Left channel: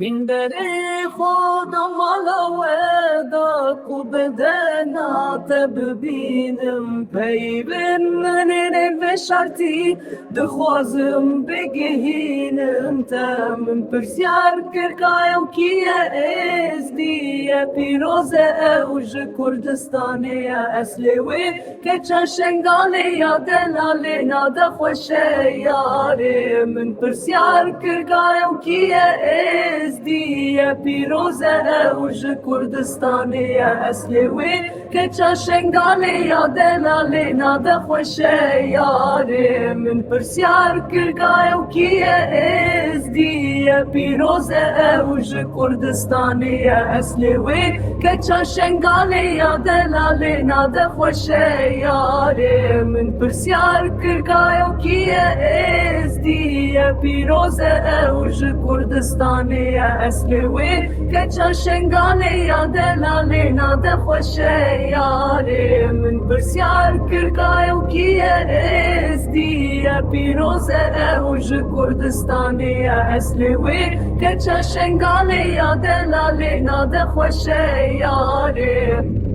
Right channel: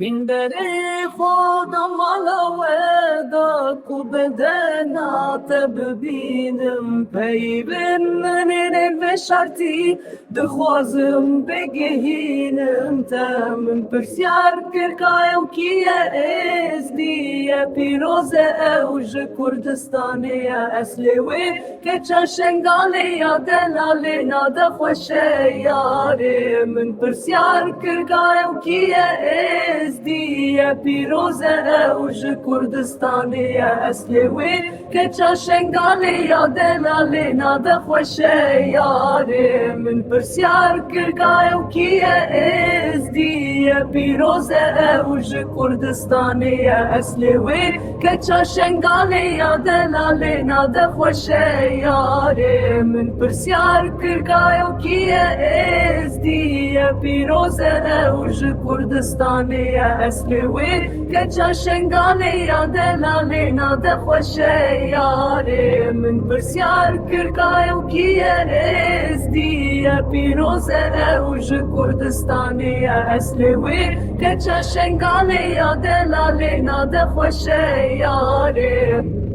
من دری خودم علاوه کو بدنا تببینم پیوند من نوشتی دخوازم بگهینم تم پرسیار کرکایم کیه ازدیه پیروزه اوج کردستانی اصلی وی که چشنگالی دلالی ناده خوشه یاری من پرسیار کرکایم کیه ازدیه پیروزه اوج کردستانی اصلی وی که چشنگالی دلالی ناده خوشه یاری من پرسیار کرکایم کیه ازدیه پیروزه اوج کردستانی اصلی وی که چشنگالی دلالی ناده خوشه یاری من پرسیار کرکایم کیه ازدیه پیروزه اوج کردستانی اصلی وی که چشنگالی دلالی ناده خوشه یاری من پرسیار کرکایم کیه ازدیه پیروزه اوج کردستانی اصلی وی که چشنگالی دلالی ناده خوشه یاری